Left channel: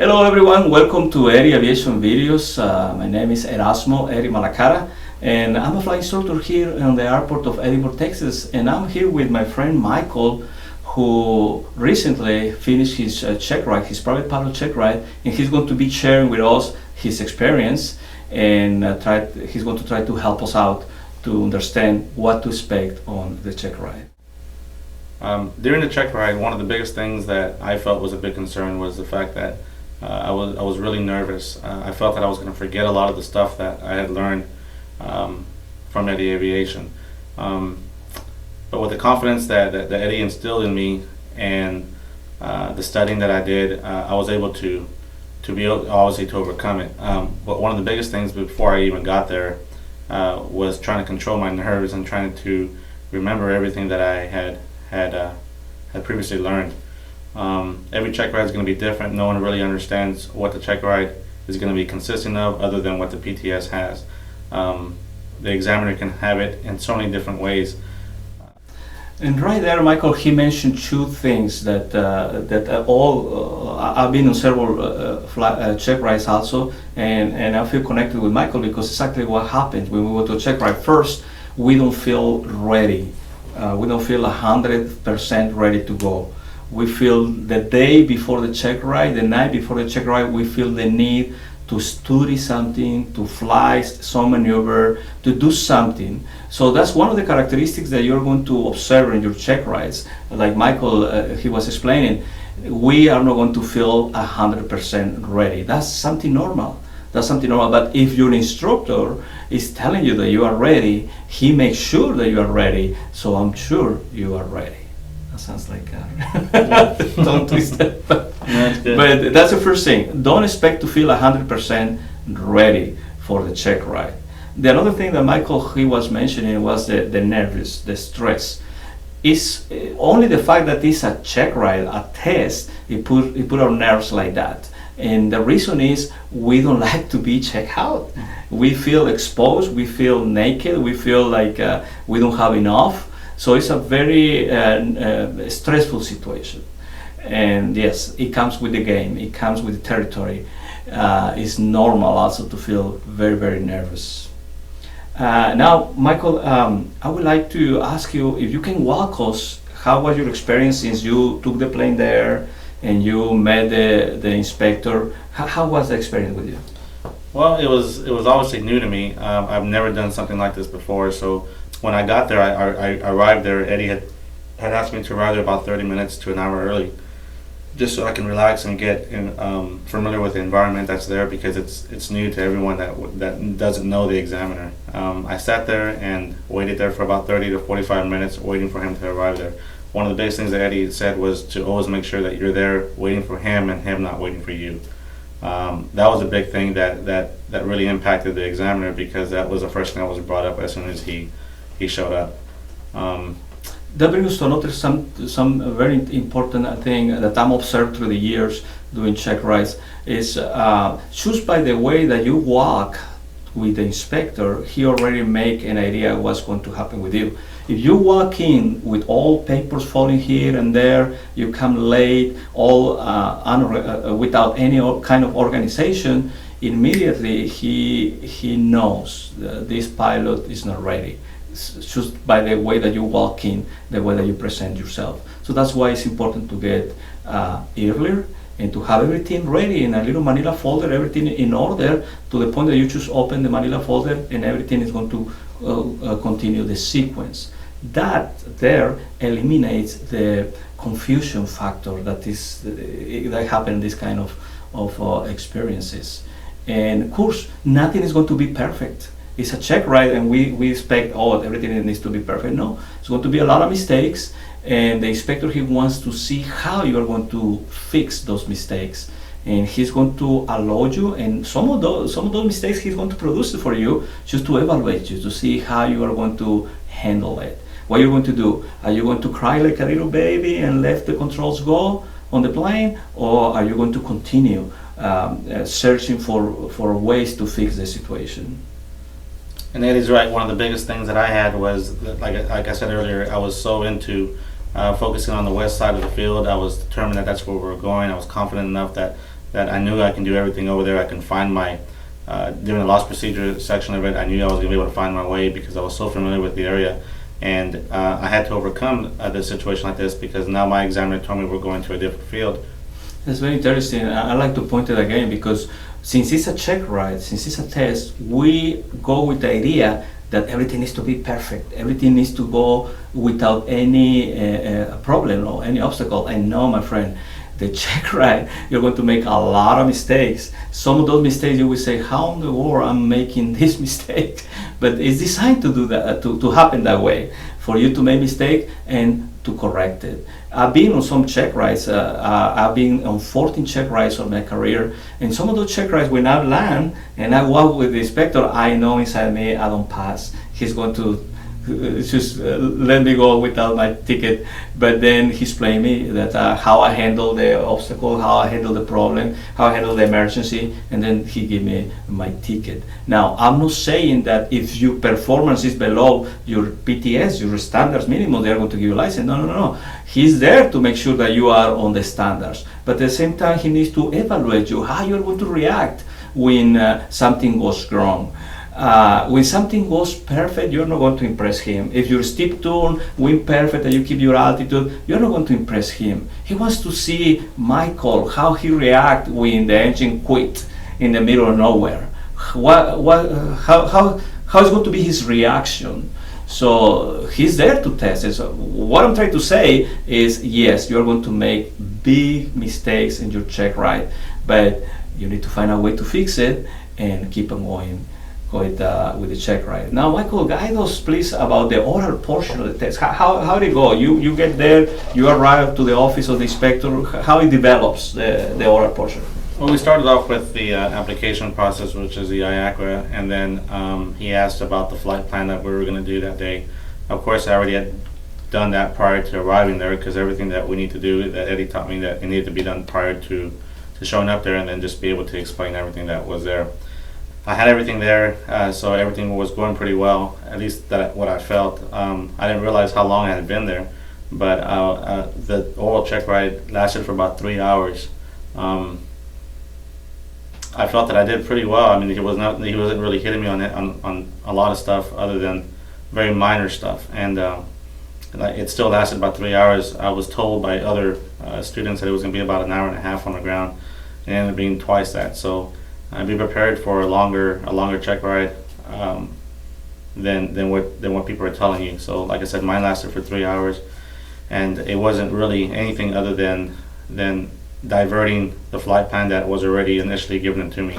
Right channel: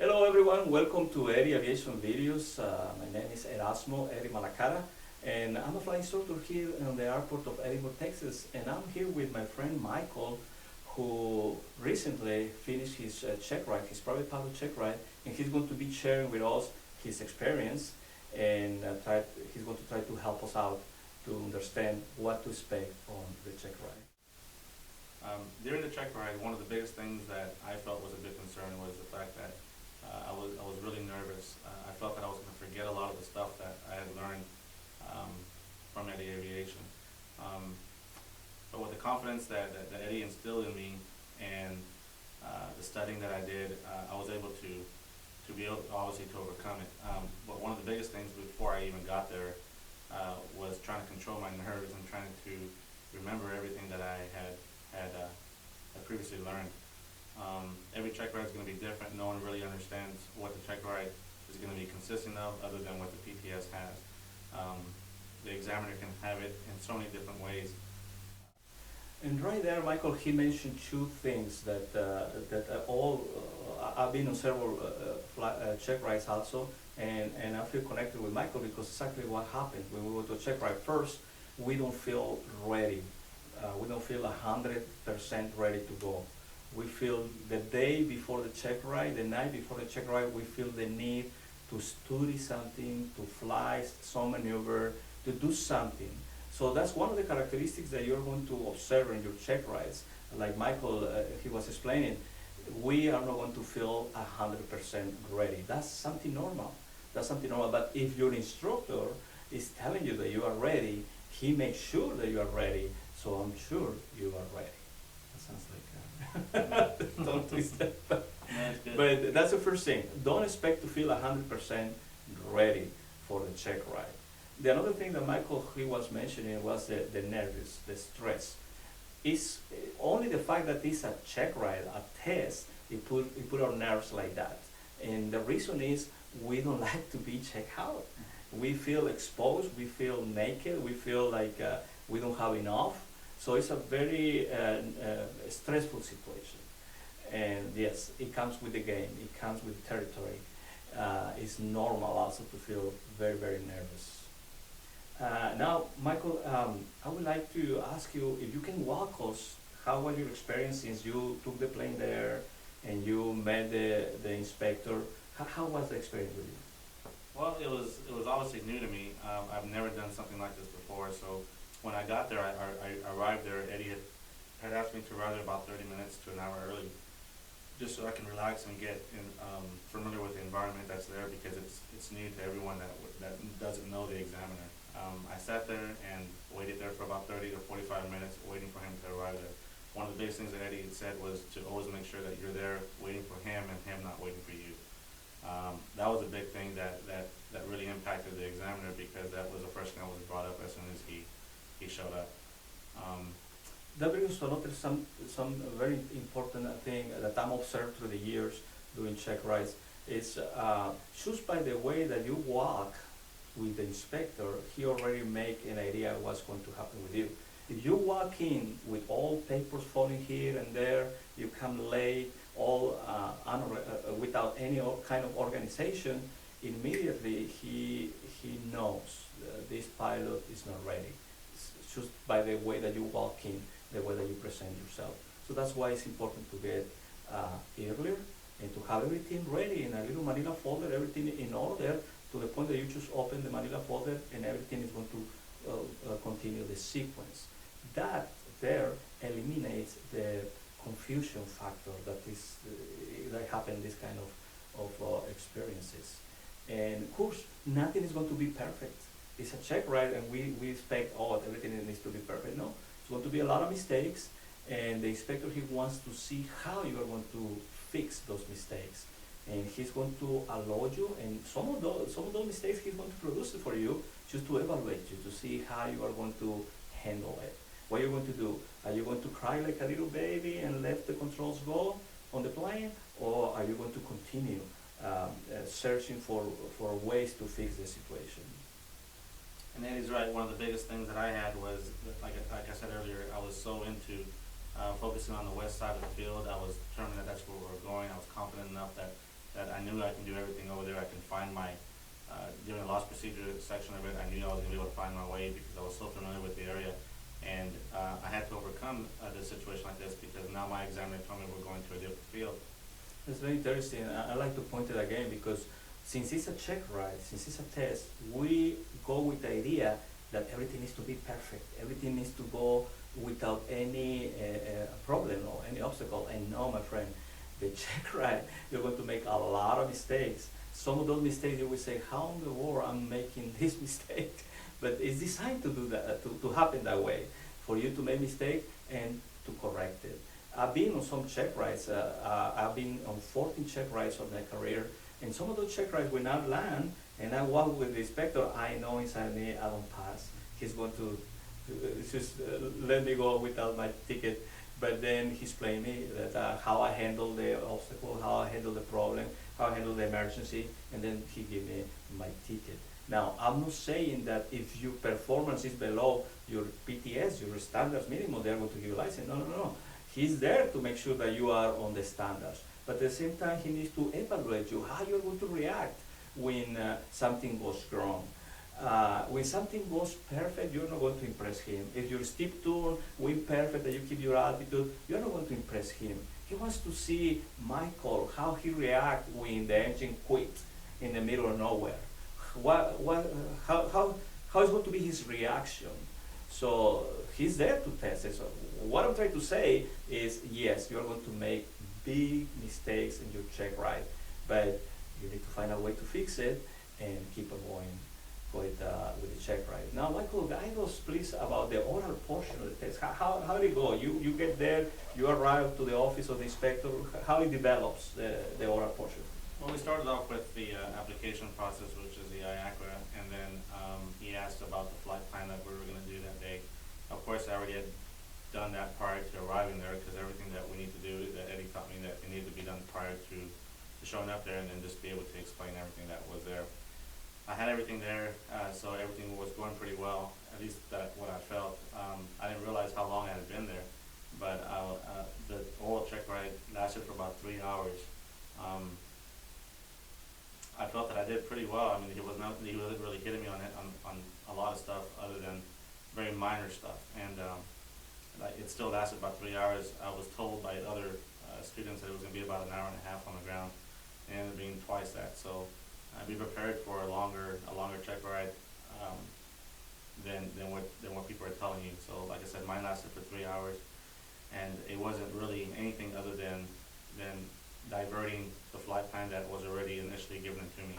Hello everyone, welcome to Eri Aviation Videos. My name is Erasmo Eri Malacara and I'm a flight instructor here on the airport of Edinburgh, Texas, and I'm here with my friend Michael, who recently finished his check ride, his private pilot check ride, and he's going to be sharing with us his experience and he's going to try to help us out to understand what to expect on the check ride. During the check ride, one of the biggest things that I felt was a big concern was the fact that I was really nervous. I felt that I was going to forget a lot of the stuff that I had learned from Eddie Aviation. But with the confidence that Eddie instilled in me and the studying that I did, I was able to be able, obviously, to overcome it. But one of the biggest things before I even got there was trying to control my nerves and trying to remember everything that I had previously learned. Every check ride is going to be different. No one really understands what the check ride is going to be consisting of other than what the PTS has. The examiner can have it in so many different ways. And right there, Michael, he mentioned two things that I've been on several check rides also, and I feel connected with Michael because exactly what happens when we go to a check ride. First, we don't feel ready. We don't feel 100% ready to go. We feel the day before the check ride, the night before the check ride, we feel the need to study something, to fly some maneuver, to do something. So that's one of the characteristics that you're going to observe in your check rides. Like Michael, he was explaining, we are not going to feel 100% ready. That's something normal. That's something normal. But if your instructor is telling you that you are ready, he makes sure that you are ready. So I'm sure you are ready. That sounds like a tongue twister. But that's the first thing. Don't expect to feel 100% ready for the check ride. The another thing that Michael he was mentioning was the nervous, the stress. It's only the fact that it's a check ride, a test, it put our nerves like that. And the reason is we don't like to be checked out. We feel exposed, we feel naked, we feel like we don't have enough. So it's a very stressful situation. And yes, it comes with the game, it comes with the territory. It's normal also to feel very, very nervous. Now, Michael, I would like to ask you if you can walk us, how was your experience since you took the plane there and you met the inspector? How was the experience with you? Well, it was obviously new to me. I've never done something like this before. So when I got there, I arrived there. Eddie had asked me to arrive there about 30 minutes to an hour early, just so I can relax and get familiar with the environment that's there, because it's new to everyone that doesn't know the examiner. I sat there and waited there for about 30 to 45 minutes waiting for him to arrive there. One of the biggest things that Eddie said was to always make sure that you're there waiting for him and him not waiting for you. That was a big thing that really impacted the examiner, because that was the first thing that was brought up as soon as he showed up. That brings us to another some very important thing that I'm observed through the years doing check rides is just by the way that you walk with the inspector, he already make an idea what's going to happen with you. If you walk in with all papers falling here and there, you come late, all without any kind of organization, immediately he knows this pilot is not ready. Just by the way that you walk in, the way that you present yourself. So that's why it's important to get earlier and to have everything ready in a little manila folder, everything in order, to the point that you just open the manila folder and everything is going to continue the sequence. That there eliminates the confusion factor that happen in this kind of experiences. And of course, nothing is going to be perfect. It's a check ride and we expect, everything needs to be perfect. No, it's going to be a lot of mistakes, and the inspector, he wants to see how you are going to fix those mistakes, and he's going to allow you, and some of those mistakes he's going to produce for you just to evaluate you, to see how you are going to handle it. What you're going to do? Are you going to cry like a little baby and let the controls go on the plane, or are you going to continue searching for ways to fix the situation? And Eddie's right. One of the biggest things that I had was, like I said earlier, I was so into focusing on the west side of the field. I was determined that that's where we were going. I was confident enough that that I knew I can do everything over there. I can find my during the loss procedure section of it, I knew I was going to be able to find my way because I was so familiar with the area. And I had to overcome this situation like this because now my examiner told me we're going to a different field. That's very interesting. I like to point it again because since it's a check ride, since it's a test, we go with the idea that everything needs to be perfect. Everything needs to go without any problem or any obstacle. And no, my friend, the check ride, you're going to make a lot of mistakes. Some of those mistakes you will say, how in the world I'm making this mistake? But it's designed to do that, to happen that way, for you to make mistake and to correct it. I've been on some check rides. I've been on 14 check rides of my career, and some of those check rides, when I land and I walk with the inspector, I know inside me I don't pass. He's going to just let me go without my ticket. But then he's playing me that how I handle the obstacle, how I handle the problem, how I handle the emergency, and then he give me my ticket. Now, I'm not saying that if your performance is below your PTS, your standards minimum, they're going to give you a license. No, no, no. He's there to make sure that you are on the standards. But at the same time, he needs to evaluate you, how you're going to react when something goes wrong. When something goes perfect, you're not going to impress him. If your steep turn went perfect and you keep your altitude, you're not going to impress him. He wants to see Michael, how he react when the engine quit in the middle of nowhere. How is going to be his reaction? So he's there to test it. So what I'm trying to say is, yes, you're going to make big mistakes in your check ride, but you need to find a way to fix it and keep on going with the check ride. Now, Michael, guide us please about the oral portion of the test. How did it go? You get there, you arrive to the office of the inspector, how it develops the oral portion? Well, we started off with the application process, which is the IACRA, and then he asked about the flight plan that we were going to do that day. Of course, I already had done that prior to arriving there because everything that we need to do, that Eddie taught me, that it needed to be done prior to showing up there, and then just be able to explain everything that was there. I had everything there, so everything was going pretty well, at least that what I felt. I didn't realize how long I had been there, but the oral check ride lasted for about 3 hours. I felt that I did pretty well. I mean, he wasn't really hitting me on a lot of stuff other than very minor stuff, and it still lasted about 3 hours. I was told by other students that it was going to be about an hour and a half on the ground, and it ended up being twice that. So be prepared for a longer check ride than what people are telling you. So like I said, mine lasted for 3 hours, and it wasn't really anything other than diverting the flight plan that was already initially given to me.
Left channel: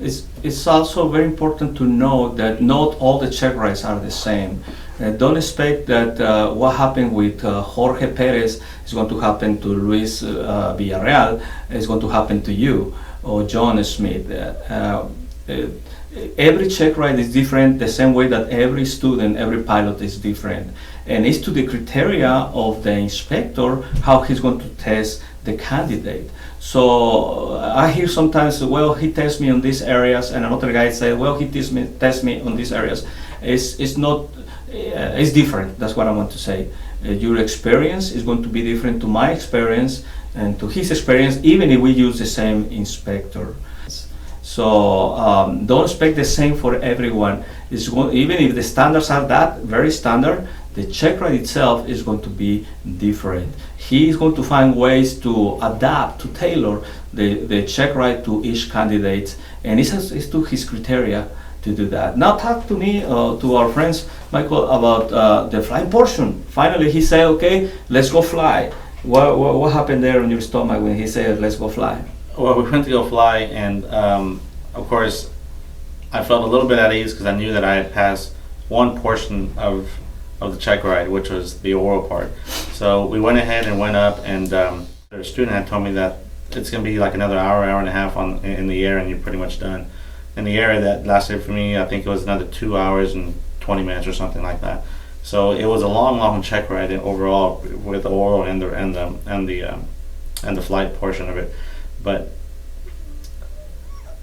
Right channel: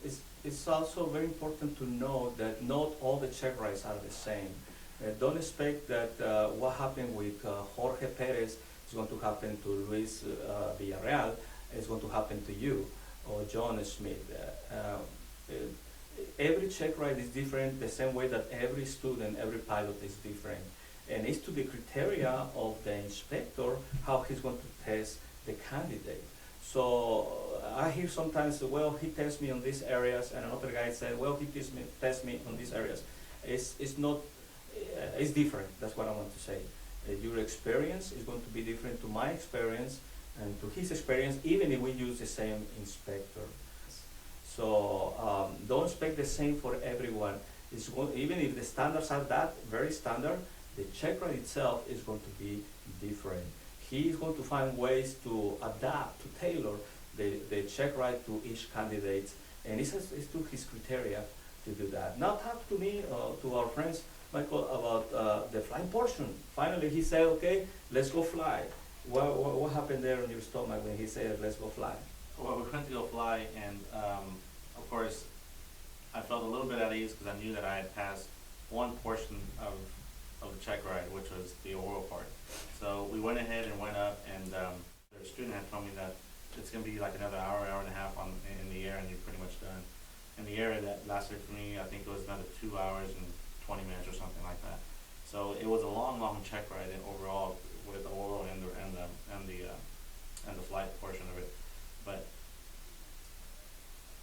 It's also very important to know that not all the check rides are the same. Don't expect that what happened with Jorge Perez is going to happen to Luis Villarreal, is going to happen to you or John Smith. Every check ride is different, the same way that every student, every pilot is different. And it's to the criteria of the inspector how he's going to test the candidate. So I hear sometimes, well, he tests me on these areas, and another guy say, well, he tests me on these areas. It's not, it's different. That's what I want to say. Your experience is going to be different to my experience and to his experience, even if we use the same inspector. So don't expect the same for everyone. Even if the standards are that very standard, the check ride itself is going to be different. He is going to find ways to adapt, to tailor the check ride to each candidate, and it's to his criteria to do that. Now talk to me, to our friends, Michael, about the flying portion. Finally, he said, okay, let's go fly. What happened there on your stomach when he said, let's go fly? Well, we went to go fly, and of course, I felt a little bit at ease because I knew that I had passed one portion of the check ride, which was the oral part. So we went ahead and went up, and the student had told me that it's going to be like another hour and a half in the air, and you're pretty much done. In the air, that lasted for me, I think it was another 2 hours and 20 minutes or something like that. So it was a long check ride overall with the oral and the flight portion of it. But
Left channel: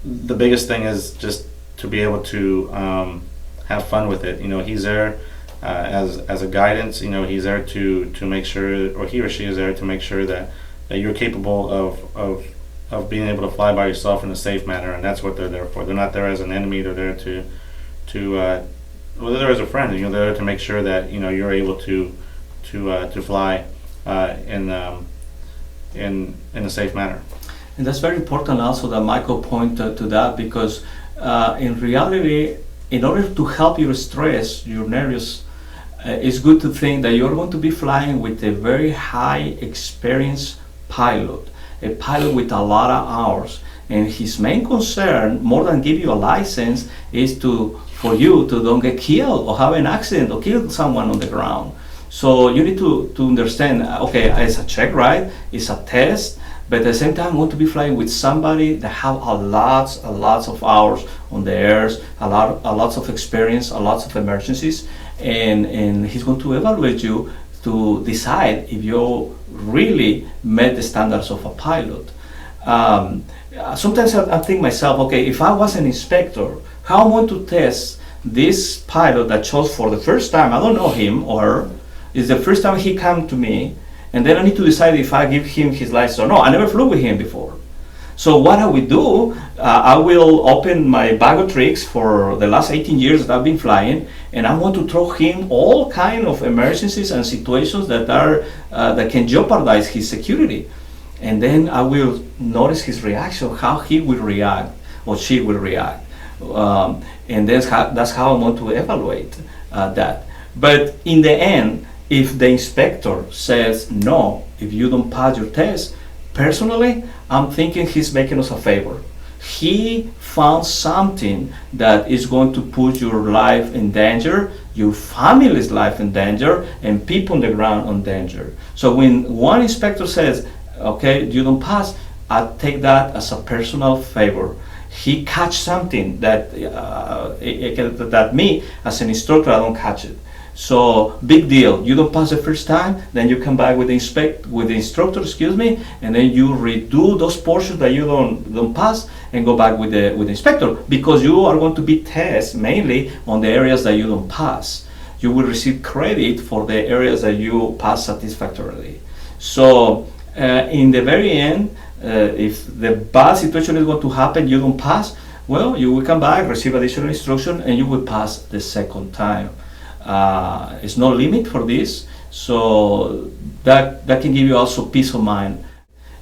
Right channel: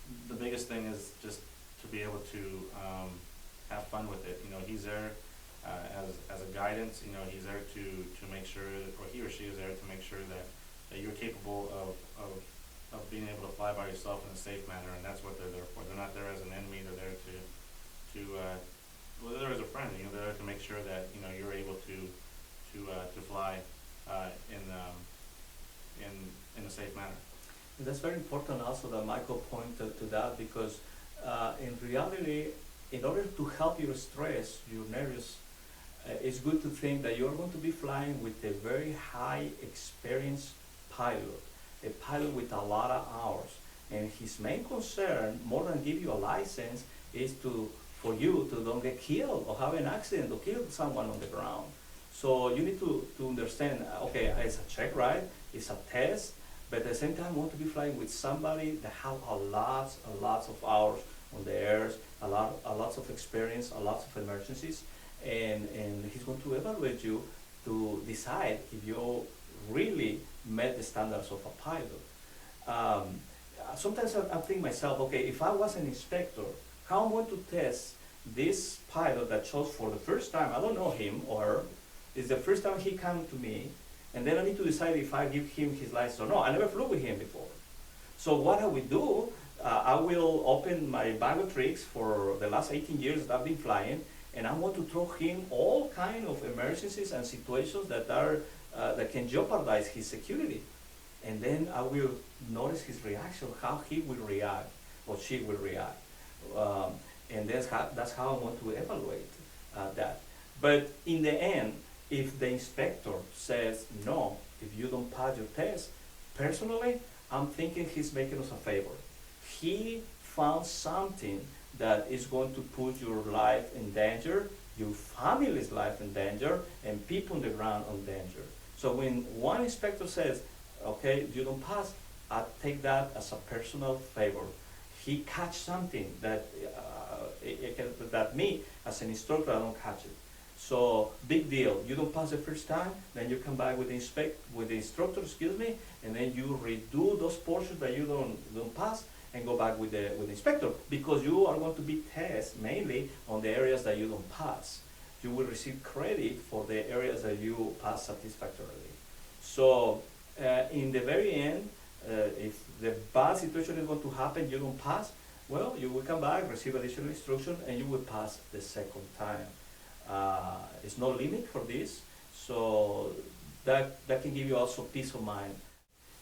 the biggest thing is just to be able to have fun with it. You know, he's there as a guidance. You know, he's there to make sure, or he or she is there to make sure that you're capable of of being able to fly by yourself in a safe manner, and that's what they're there for. They're not there as an enemy. They're there to well, they're there as a friend. You know, they're there to make sure that you're able to fly in a safe manner. And that's very important also that Michael pointed to that, because in reality, in order to help your stress, your nervous, it's good to think that you're going to be flying with a very high experienced pilot, a pilot with a lot of hours. And his main concern, more than give you a license, is for you to don't get killed or have an accident or kill someone on the ground. So you need to understand, okay, it's a check ride, it's a test, but at the same time, I want to be flying with somebody that have a lots of hours on the airs, a lots of experience, a lots of emergencies, and he's going to evaluate you to decide if you really met the standards of a pilot. Sometimes I think myself, okay, if I was an inspector, how am I going to test this pilot that chose for the first time? I don't know him or her. It's the first time he come to me, and then I need to decide if I give him his license or no. I never flew with him before. So what I will do, I will open my bag of tricks for the last 18 years that I've been flying, and I want to throw him all kind of emergencies and situations that are that can jeopardize his security. And then I will notice his reaction, how he will react or she will react. And that's how I'm going to evaluate that. But in the end, if the inspector says no, if you don't pass your test, personally, I'm thinking he's making us a favor. He found something that is going to put your life in danger, your family's life in danger, and people on the ground in danger. So when one inspector says, okay, you don't pass, I take that as a personal favor. He catch something that that me, as an instructor, I don't catch it. So big deal. You don't pass the first time, then you come back with the instructor, and then you redo those portions that you don't pass, and go back with the inspector, because you are going to be tested mainly on the areas that you don't pass. You will receive credit for the areas that you pass satisfactorily. So in the very end, if the bad situation is going to happen, you don't pass, well, you will come back, receive additional instruction, and you will pass the second time. It's no limit for this, so that can give you also peace of mind.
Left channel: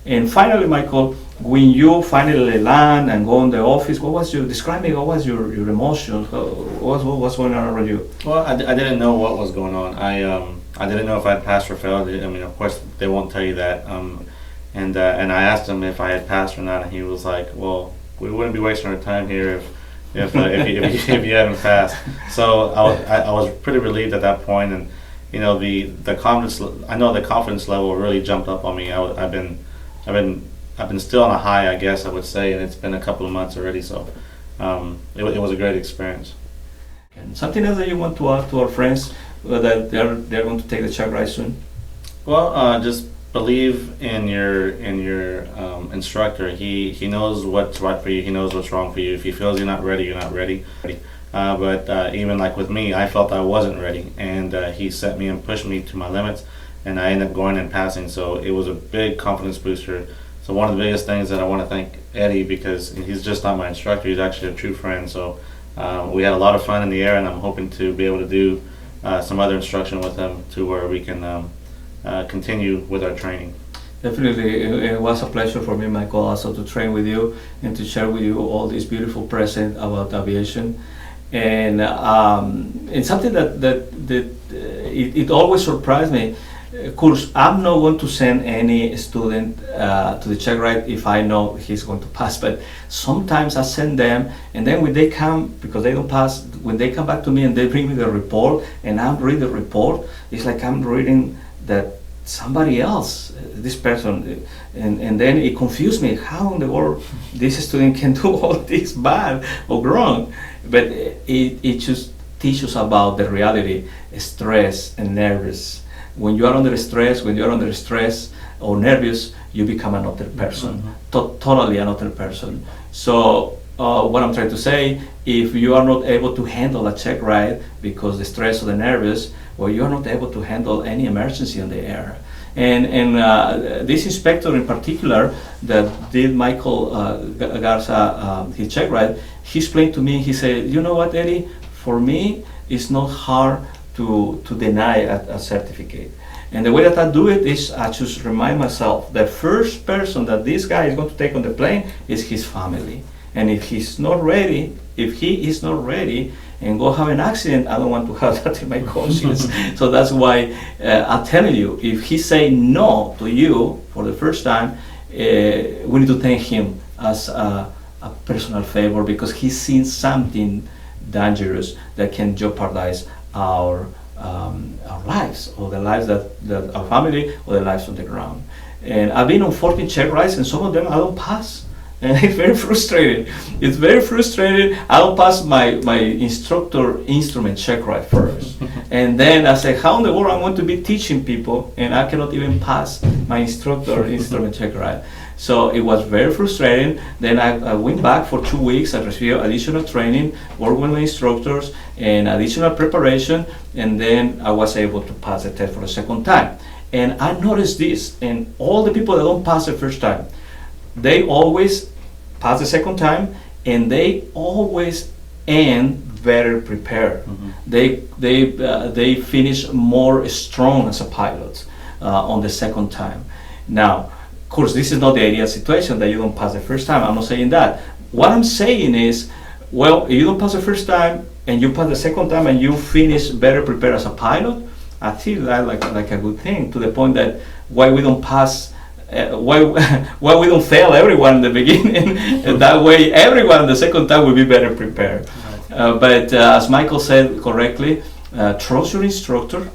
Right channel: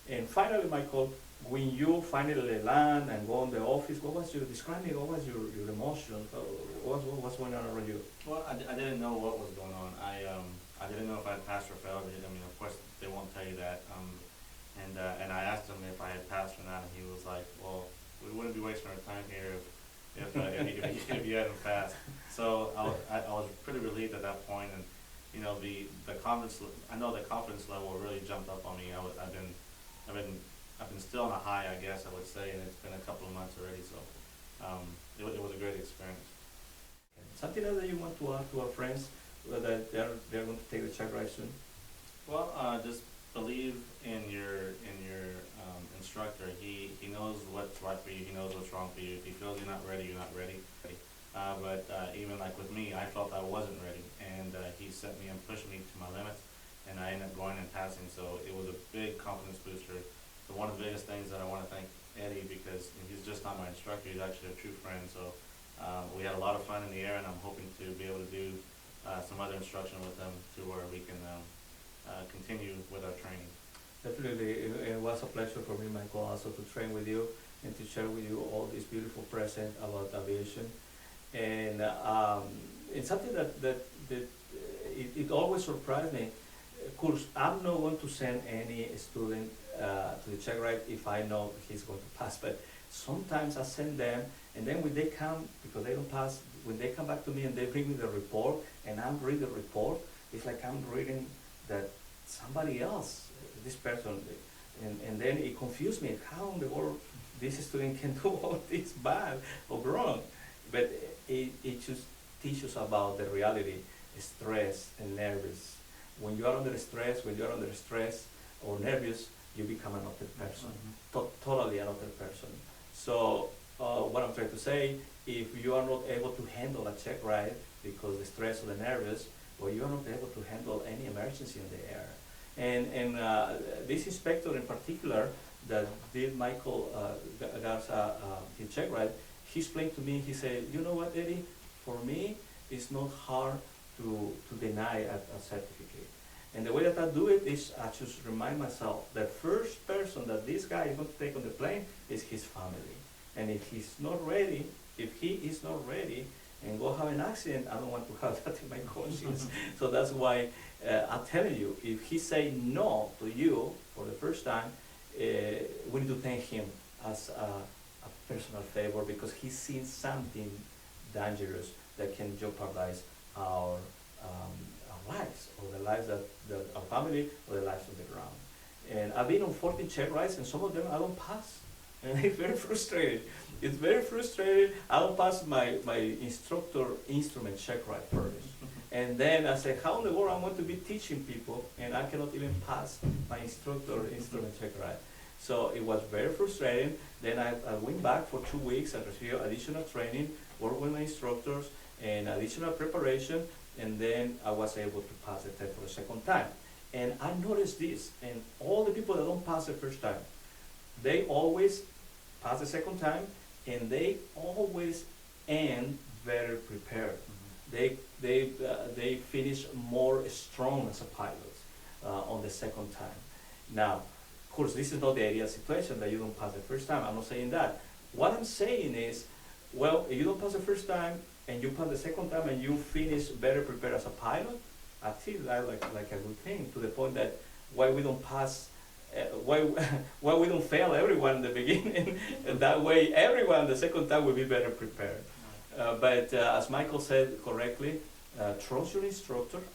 And finally, Michael, when you finally land and go in the office, describe me, what was your emotions? What was going on around you? Well, I didn't know what was going on. I didn't know if I'd passed or failed. I mean, of course, they won't tell you that. And I asked him if I had passed or not, and he was like, "Well, we wouldn't be wasting our time here if you hadn't passed." So I was pretty relieved at that point, and the confidence. I know the confidence level really jumped up on me. I've been still on a high, I guess I would say, and it's been a couple of months already. So it was a great experience. And something else that you want to add to our friends that they're going to take the check ride soon? Well, just believe in your instructor. He knows what's right for you. He knows what's wrong for you. If he feels you're not ready, you're not ready. But even like with me, I felt I wasn't ready, and he set me and pushed me to my limits, and I ended up going and passing. So it was a big confidence booster. So one of the biggest things that I want to thank Eddie, because he's just not my instructor, he's actually a true friend. So we had a lot of fun in the air, and I'm hoping to be able to do some other instruction with him to where we can continue with our training. Definitely, it was a pleasure for me, Michael, also to train with you and to share with you all this beautiful present about aviation. And something that it always surprised me. Of course, I'm not going to send any student to the check ride if I know he's going to pass, but sometimes I send them, and then when they come, because they don't pass, when they come back to me and they bring me the report, and I'm reading the report, it's like I'm reading that somebody else, this person, and then it confused me. How in the world this student can do all this bad or wrong? But it just teaches about the reality, stress and nervous. When you are under stress, or nervous, you become another person, totally another person. So what I'm trying to say, if you are not able to handle a check ride because the stress or the nervous, well, you are not able to handle any emergency in the air. And this inspector in particular that did Michael Garza his check ride, he explained to me, he said, you know what, Eddie, for me it's not hard to deny a certificate. And the way that I do it is I just remind myself the first person that this guy is going to take on the plane is his family. And if he is not ready and go have an accident, I don't want to have that in my conscience. So that's why I'm telling you, if he say no to you for the first time, we need to thank him as a personal favor, because he's seen something dangerous that can jeopardize our lives, or the lives that our family, or the lives on the ground. And I've been on 14 check rides, and some of them I don't pass. And it's very frustrating. It's very frustrating. I'll pass my instructor instrument check ride first. And then I say, how in the world I want to be teaching people and I cannot even pass my instructor instrument check ride. So it was very frustrating. Then I went back for 2 weeks. I received additional training, worked with my instructors, and additional preparation. And then I was able to pass the test for the second time. And I noticed this, and all the people that don't pass the first time, they always pass the second time, and they always end better prepared. Mm-hmm. They finish more strong as a pilot on the second time. Now, of course, this is not the ideal situation that you don't pass the first time. I'm not saying that. What I'm saying is, well, if you don't pass the first time and you pass the second time and you finish better prepared as a pilot, I feel that like a good thing, to the point that why we don't pass. Why we don't fail everyone in the beginning, and that way everyone the second time will be better prepared. But as Michael said correctly, trust your instructor,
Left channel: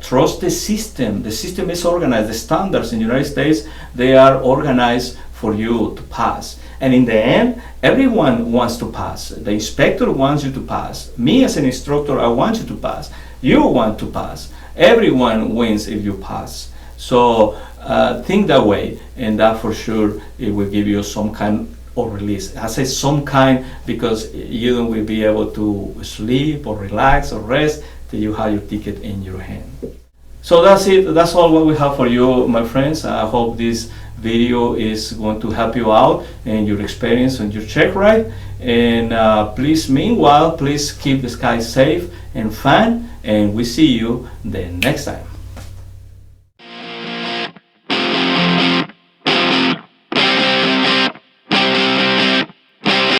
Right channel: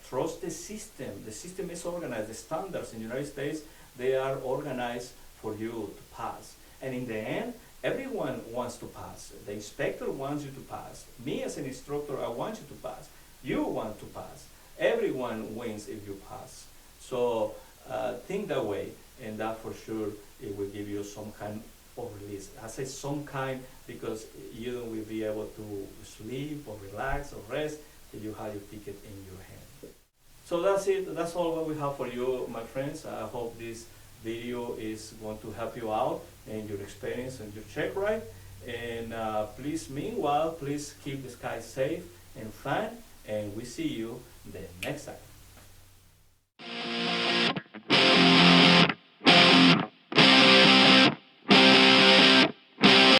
trust the system. The system is organized. The standards in the United States, they are organized for you to pass. And in the end, everyone wants to pass. The inspector wants you to pass. Me as an instructor, I want you to pass. You want to pass. Everyone wins if you pass. So think that way, and that for sure it will give you some kind of release. I say some kind because you don't will be able to sleep or relax or rest till you have your ticket in your hand. So that's it. That's all what we have for you, my friends. I hope this video is going to help you out in your experience on your check ride. And meanwhile, please keep the sky safe and fun, and we see you the next time.